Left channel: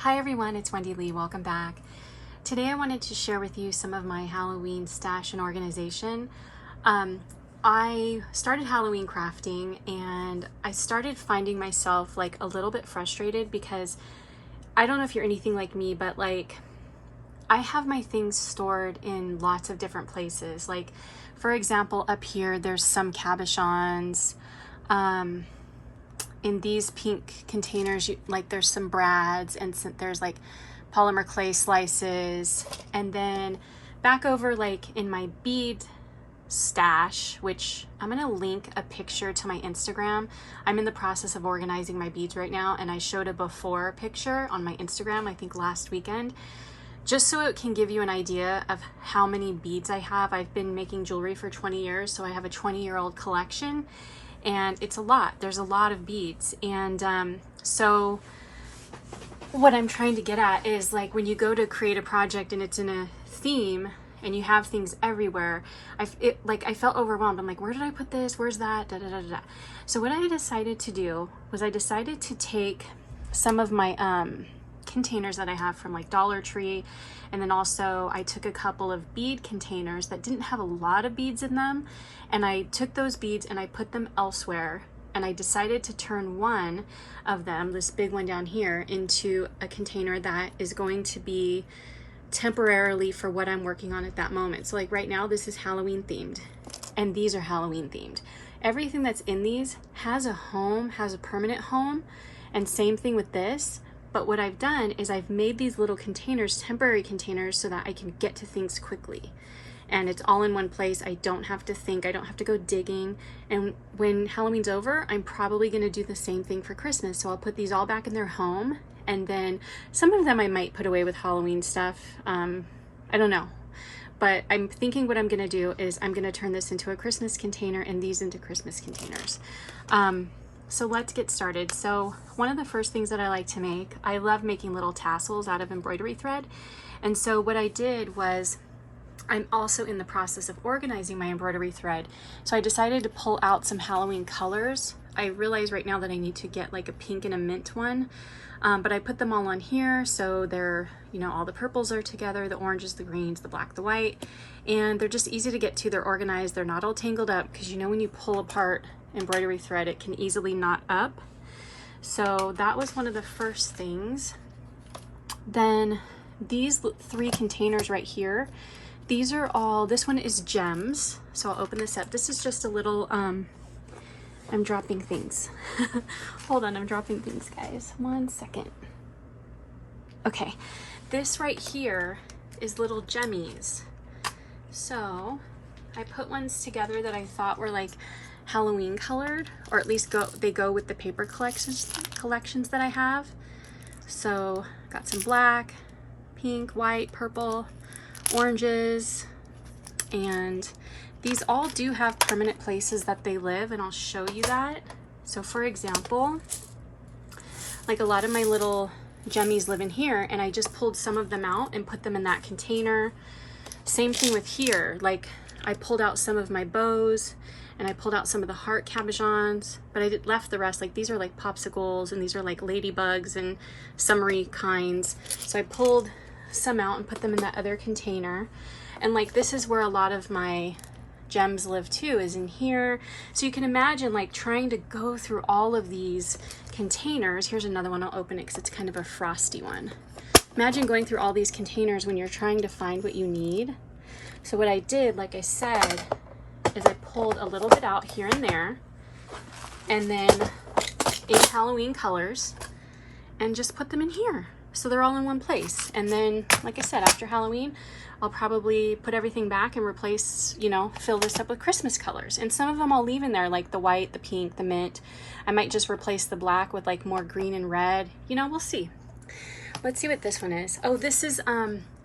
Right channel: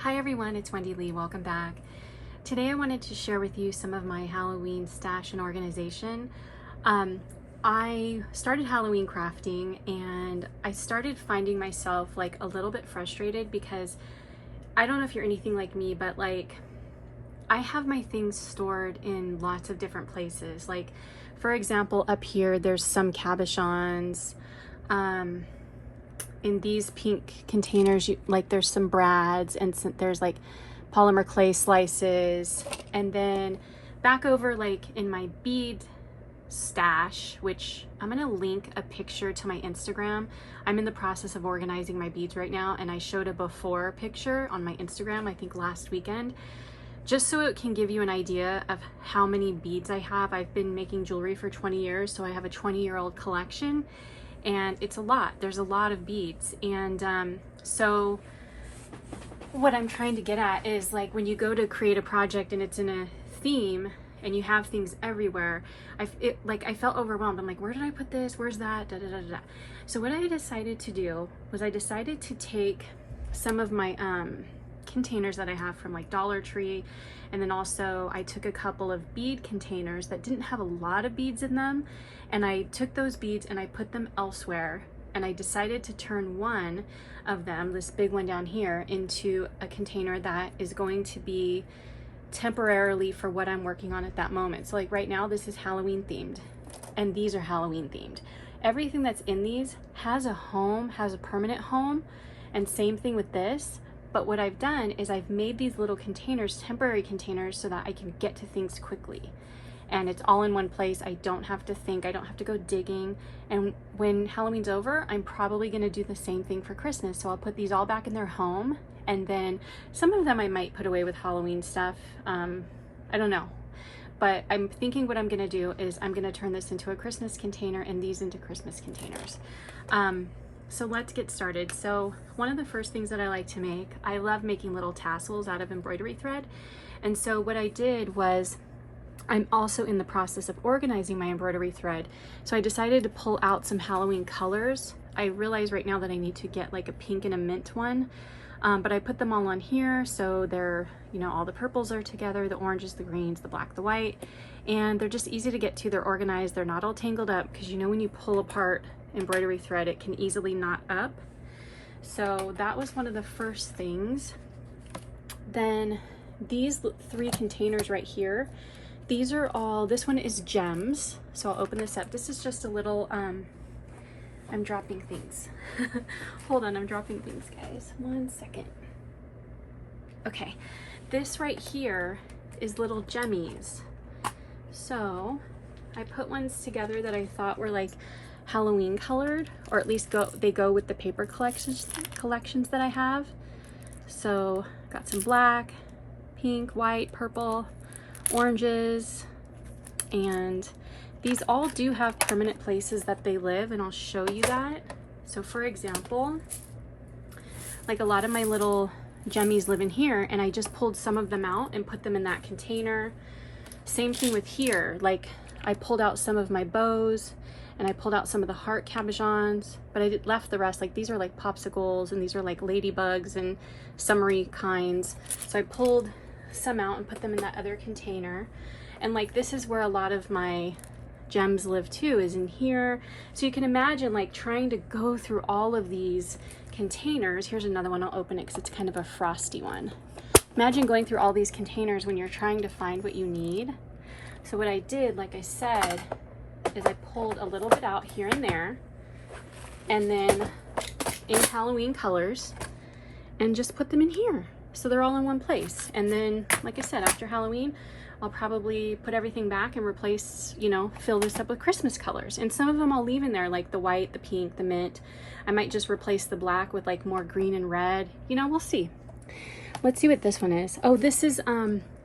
Hi everyone, it's Wendy Lee. Welcome back. Today I wanted to share with you some of my Halloween stash and organization. I started Halloween crafting and I started finding myself like a little bit frustrated because I don't know if you're anything like me, but like I have my things stored in lots of different places. Like for example, up here there's some cabochons. In these pink containers, like there's some brads and there's like polymer clay slices. And then back over like in my bead stash, which I'm gonna link a picture to my Instagram. I'm in the process of organizing my beads right now, and I showed a before picture on my Instagram, I think last weekend, just so it can give you an idea of how many beads I have. I've been making jewelry for 20 years, so I have a 20-year-old collection. And it's a lot. There's a lot of beads. And so what I'm trying to get at is like when you go to create a project and it's in a theme and you have things everywhere, I felt overwhelmed. I'm like, where did I put this? Where's that? Da, da, da, da. So what I decided to do was I decided to take some of my containers that I have from like Dollar Tree, and then also I took a couple of bead containers that didn't have a lot of beads in them, and I took those beads and I put them elsewhere, and I decided to turn one of them, this big one down here, into a container that is going to be temporarily for what I'm working on at that moment. So like right now this is Halloween themed and these are Halloween themed. Everything that's in these has a home, has a permanent home, and same thing with this. But what I've done is I've made these little containers, temporary containers, so that I can get to things quickly. And it's all in one place. I don't have to think, I don't have to go digging. And when Halloween's over, I'm probably gonna do the same thing for Christmas. So I'll put these all back in their home. And then some of them I might put away with Halloween stuff. I don't know. But I'm thinking what I'm gonna do is I'm gonna turn this into a Christmas container and these into Christmas containers. So let's get started. So one of the first things that I like to make, I love making little tassels out of embroidery thread. And so what I did was, I'm also in the process of organizing my embroidery thread. So I decided to pull out some Halloween colors. I realize right now that I need to get like a pink and a mint one, but I put them all on here. So they're, you know, all the purples are together, the oranges, the greens, the black, the white, and they're just easy to get to. They're organized. They're not all tangled up, because you know, when you pull apart embroidery thread, it can easily knot up. So that was one of the first things. Then these three containers right here, these are all, this one is gems. So I'll open this up. This is just a little, I'm dropping things. Hold on, I'm dropping things, guys. 1 second. Okay, this right here is little gemmies. So I put ones together that I thought were like Halloween colored, or at least they go with the paper collections that I have. So got some black, pink, white, purple, oranges, and these all do have permanent places that they live, and I'll show you that. So for example, like a lot of my little gemmies live in here, and I just pulled some of them out and put them in that container. Same thing with here, like I pulled out some of my bows and I pulled out some of the heart cabochons, but I left the rest. Like these are like popsicles and these are like ladybugs and summery kinds. So I pulled some out and put them in that other container. And like this is where a lot of my gems live too, is in here. So you can imagine like trying to go through all of these containers. Here's another one, I'll open it because it's kind of a frosty one. Imagine going through all these containers when you're trying to find what you need. So what I did, like I said, is I pulled a little bit out here and there, and then in Halloween colors, and just put them in here. So they're all in one place. And then, like I said, after Halloween, I'll probably put everything back and replace, you know, fill this up with Christmas colors. And some of them I'll leave in there, like the white, the pink, the mint. I might just replace the black with like more green and red. You know, we'll see. Let's see what this one is. Oh, this is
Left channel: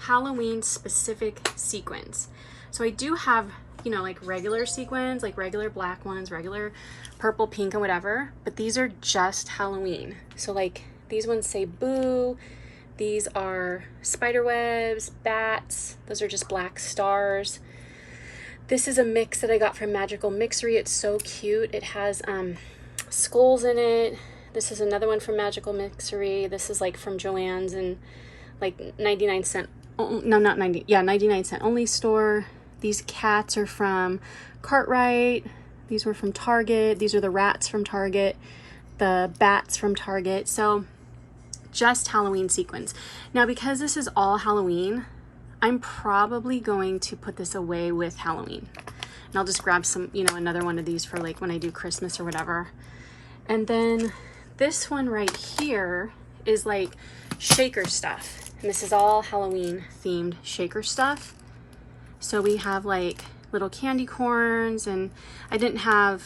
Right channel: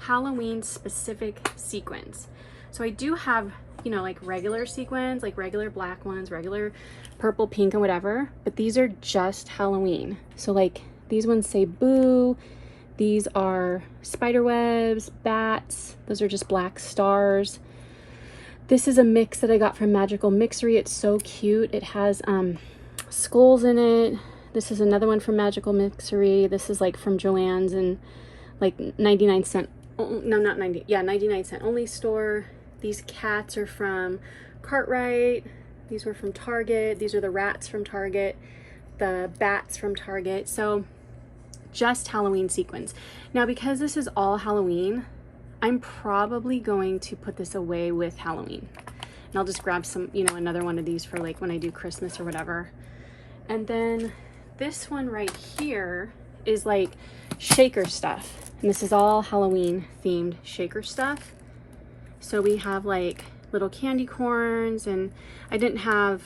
Halloween specific sequins. So I do have, you know, like regular sequins, like regular black ones, regular purple, pink, and whatever, but these are just Halloween. So like these ones say boo, these are spider webs, bats, those are just black stars. This is a mix that I got from Magical Mixery. It's so cute. It has skulls in it, This is another one from Magical Mixery. This is like from Joann's and like 99-cent. Oh, no, not 90. Yeah, 99-cent only store. These cats are from Cartwright. These were from Target. These are the rats from Target. The bats from Target. So just Halloween sequins. Now, because this is all Halloween, I'm probably going to put this away with Halloween. And I'll just grab some, you know, another one of these for like when I do Christmas or whatever. And then this one right here is like shaker stuff. And this is all Halloween themed shaker stuff. So we have like little candy corns, and I didn't have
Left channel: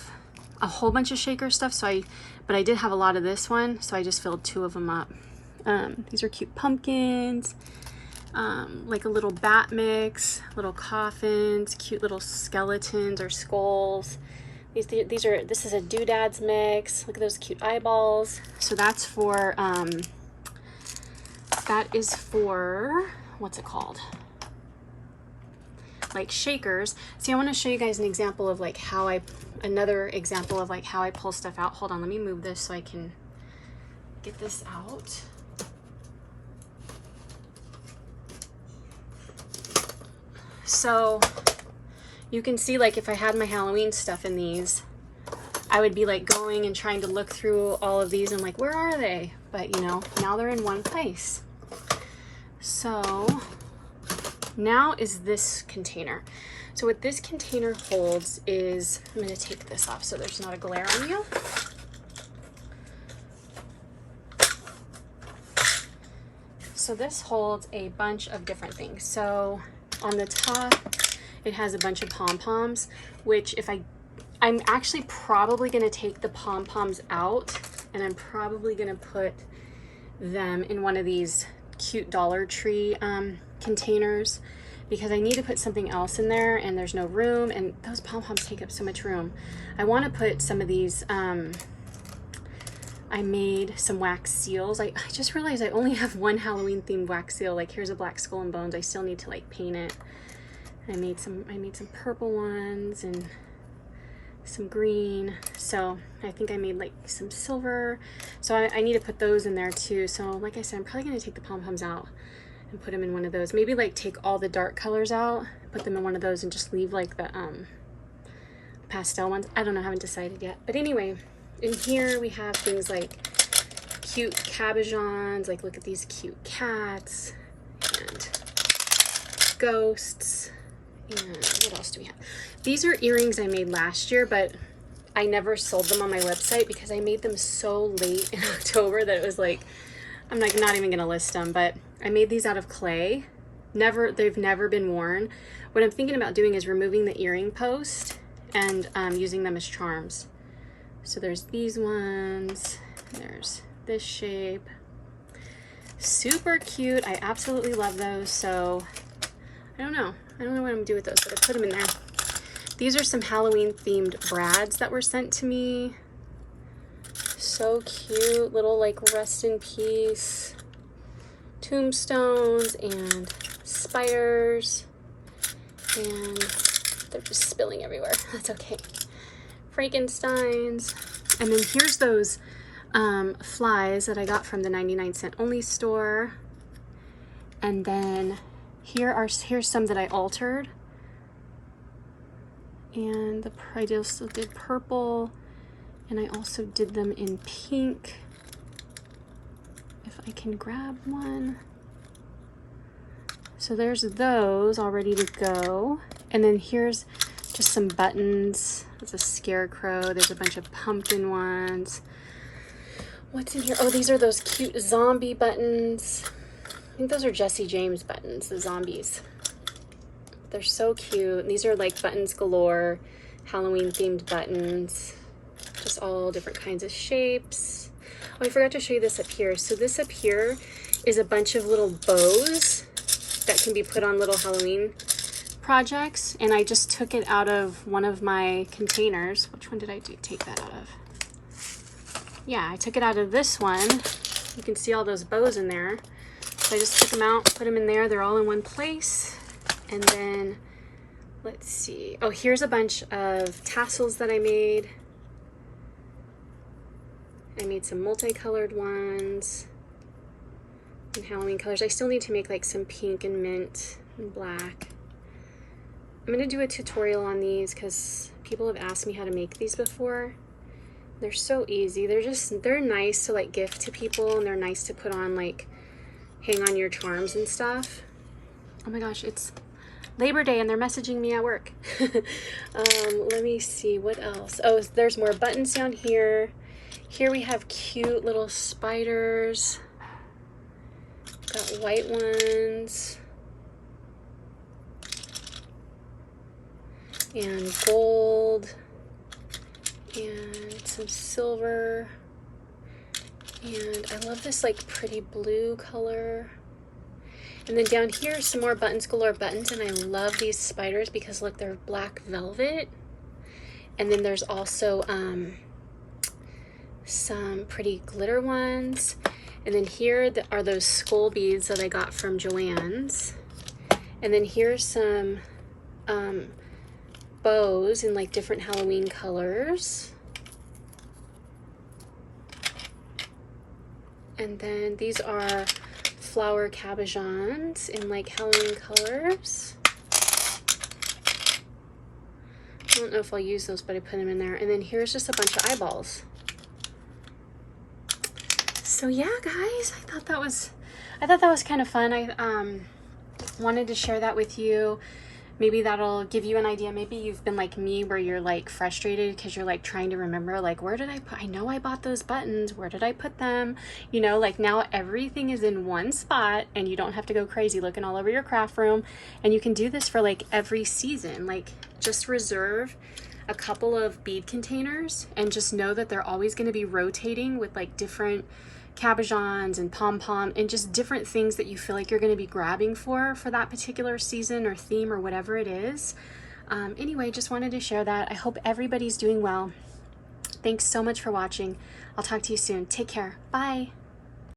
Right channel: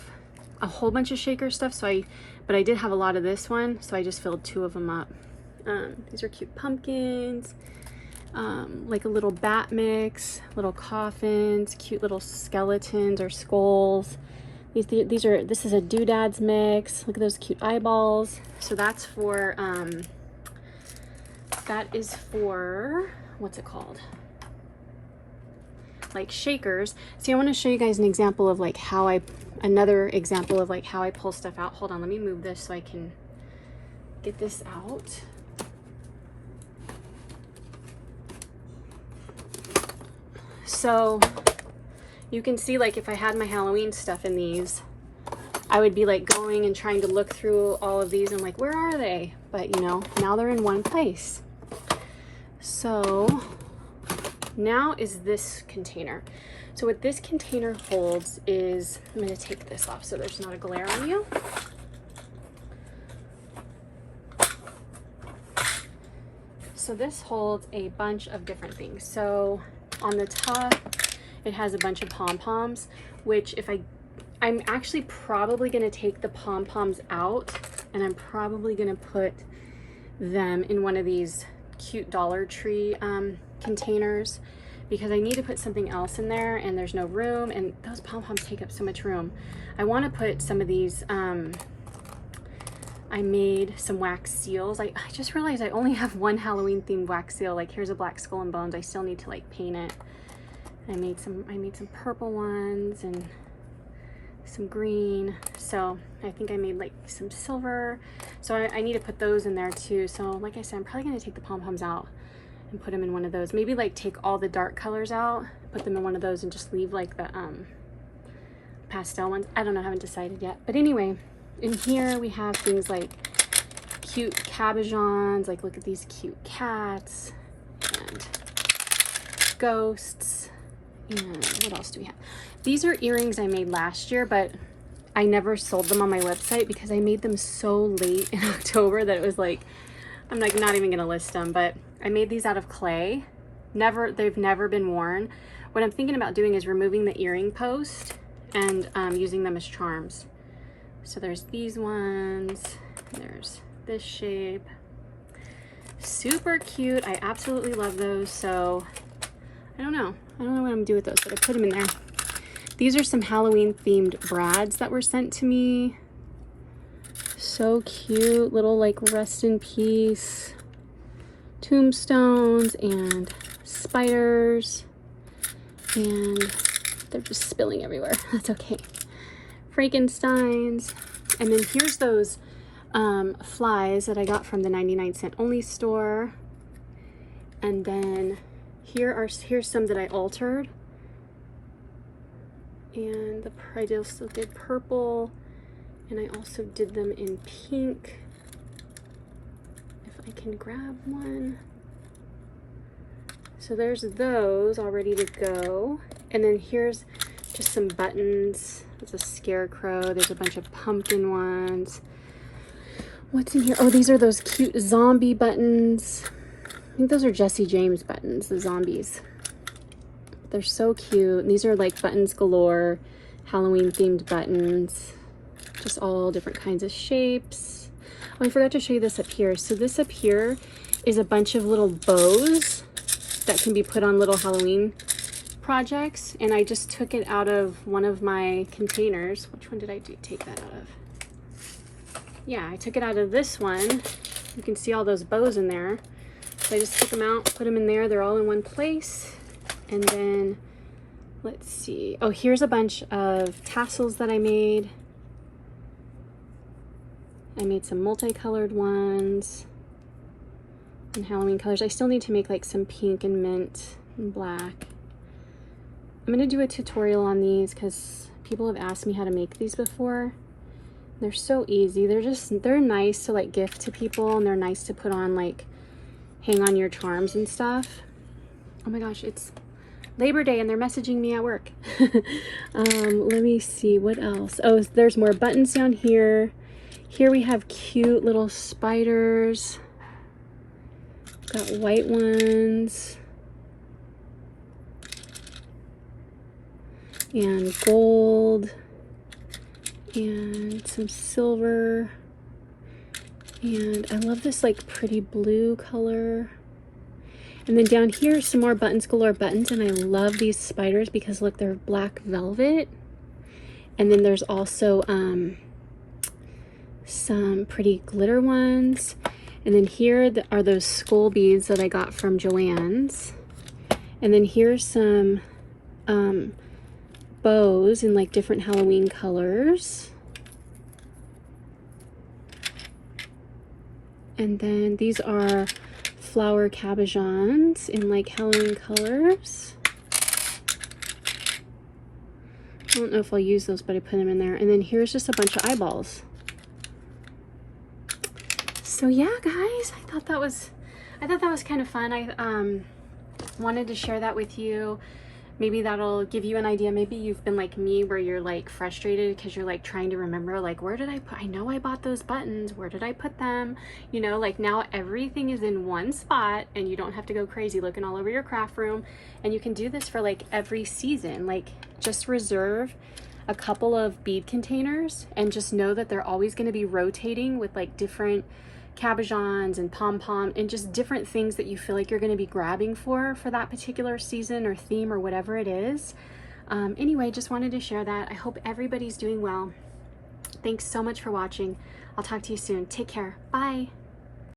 a whole bunch of shaker stuff, but I did have a lot of this one, so I just filled 2 of them up. These are cute pumpkins, like a little bat mix, little coffins, cute little skeletons or skulls. This is a doodads mix. Look at those cute eyeballs. So that's for, that is for, what's it called? Like shakers. See, I want to show you guys an example of like another example of like how I pull stuff out. Hold on, let me move this so I can get this out. So you can see, like, if I had my Halloween stuff in these, I would be like going and trying to look through all of these and like, where are they? But you know, now they're in one place. So now is this container. So what this container holds is, I'm going to take this off so there's not a glare on you. So this holds a bunch of different things. So on the top, it has a bunch of pom-poms, which I'm actually probably going to take the pom-poms out, and I'm probably going to put them in one of these cute Dollar Tree containers, because I need to put something else in there and there's no room, and those pom-poms take up so much room. I want to put some of these, I made some wax seals. I just realized I only have one Halloween themed wax seal. Like, here's a black skull and bones. I still need to like paint it. I made some purple ones and some green. So I think I made like some silver. So I need to put those in there too. So like I said, I'm probably going to take the pom-poms out and put them in one of those. Maybe like take all the dark colors out, put them in one of those, and just leave like the pastel ones. I don't know, I haven't decided yet. But anyway, in here we have things like cute cabochons. Like, look at these cute cats and ghosts. And what else do we have? These are earrings I made last year, but I never sold them on my website because I made them so late in October that it was like, I'm like not even gonna list them. But I made these out of clay. They've never been worn. What I'm thinking about doing is removing the earring post and using them as charms. So there's these ones, there's this shape. Super cute. I absolutely love those. So I don't know what I'm gonna do with those, but I put them in there. These are some Halloween themed brads that were sent to me. So cute, little like rest in peace tombstones and spiders, and they're just spilling everywhere. That's okay. Frankensteins. And then here's those flies that I got from the 99-cent only store. And then here's some that I altered. And I also did purple, and I also did them in pink. If I can grab one. So there's those all ready to go. And then here's just some buttons. There's a scarecrow. There's a bunch of pumpkin ones. What's in here? Oh, these are those cute zombie buttons. I think those are Jesse James buttons, the zombies. They're so cute. And these are like buttons galore, Halloween themed buttons. Just all different kinds of shapes. Oh, I forgot to show you this up here. So this up here is a bunch of little bows that can be put on little Halloween projects. And I just took it out of one of my containers. Which one did I take that out of? Yeah, I took it out of this one. You can see all those bows in there. So I just took them out, put them in there. They're all in one place. And then, let's see. Oh, here's a bunch of tassels that I made. I made some multicolored ones and Halloween colors. I still need to make like some pink and mint and black. I'm gonna do a tutorial on these because people have asked me how to make these before. They're so easy. They're nice to like gift to people, and they're nice to put on, like hang on your charms and stuff. Oh my gosh, it's Labor Day and they're messaging me at work. Let me see what else. Oh, there's more buttons down here. Here we have cute little spiders. Got white ones. And gold. And some silver. And I love this like pretty blue color. And then down here, some more buttons galore buttons, and I love these spiders because look, they're black velvet. And then there's also some pretty glitter ones. And then here are those skull beads that I got from Joann's. And then here's some bows in like different Halloween colors. And then these are flower cabochons in like Halloween colors. I don't know if I'll use those, but I put them in there. And then here's just a bunch of eyeballs. So yeah, guys, I thought that was kind of fun. I wanted to share that with you. Maybe that'll give you an idea. Maybe you've been like me where you're like frustrated because you're like trying to remember, like, where did I put, I know I bought those buttons, where did I put them? You know, like now everything is in one spot and you don't have to go crazy looking all over your craft room. And you can do this for like every season. Like just reserve a couple of bead containers and just know that they're always going to be rotating with like different cabochons and pom-pom and just different things that you feel like you're going to be grabbing for that particular season or theme or whatever it is. Anyway, just wanted to share that. I hope everybody's doing well. Thanks so much for watching. I'll talk to you soon. Take care. Bye.